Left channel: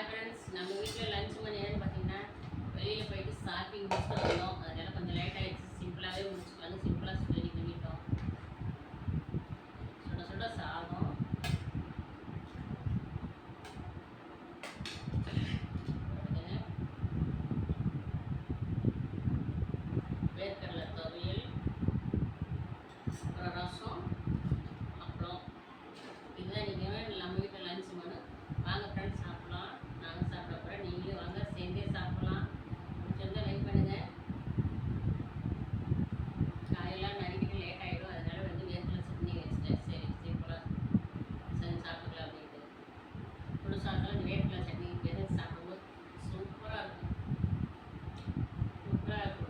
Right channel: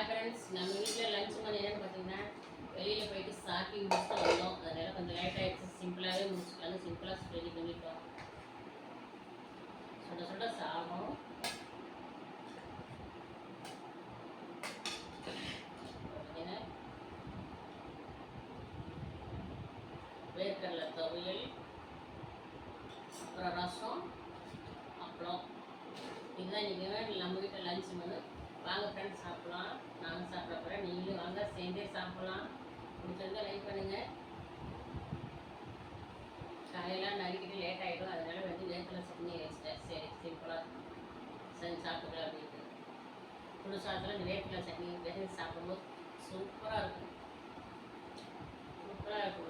Hi friends, நம்ம வீட்டில் lunch மணி என்னன்னு பார்த்தீங்கன்னா வெளியில் போயிட்டு ஷாப்பிங் முடிச்சுட்டு வந்தோம். அதனால் கொஞ்சம் லேட் ஆகிடுச்சு. சிம்பிளாகவே முடிச்சுக்கலாம். சிம்பிளாக ரெடி பண்ணிட்டோம். சுட சுட சாதம், வேர்க்கடலை துவையல், அப்புறம் ரசம், அப்புறம் இதுதான் நீங்கள் நம்ம வீட்டில் லஞ்ச் மணி. வாங்க ஃப்ரெண்ட்ஸ், சாப்பிட்லாம். நானும் சாப்பிட போகிறேன், நீங்களும் வாங்க சேர்ந்தே சாப்பிட்லாம். பிடிச்சிருந்தா லைக் பண்ணுங்கள். காலையெல்லாம் நறுக்கிட்டு லேட் ஆகிடும், அதனால் வேர்க்கடலை சட்னி வச்சுட்டேன். சரி, சிம்பிளாக செஞ்சு சாப்பிட்டுக்கலாம் அப்படின்ட்டு. சுடு சாதத்தில் வேர்க்கடலை சட்னி சாப்பிடும்போது சூப்பராக இருக்கும். சூப்பராக இருக்கும்.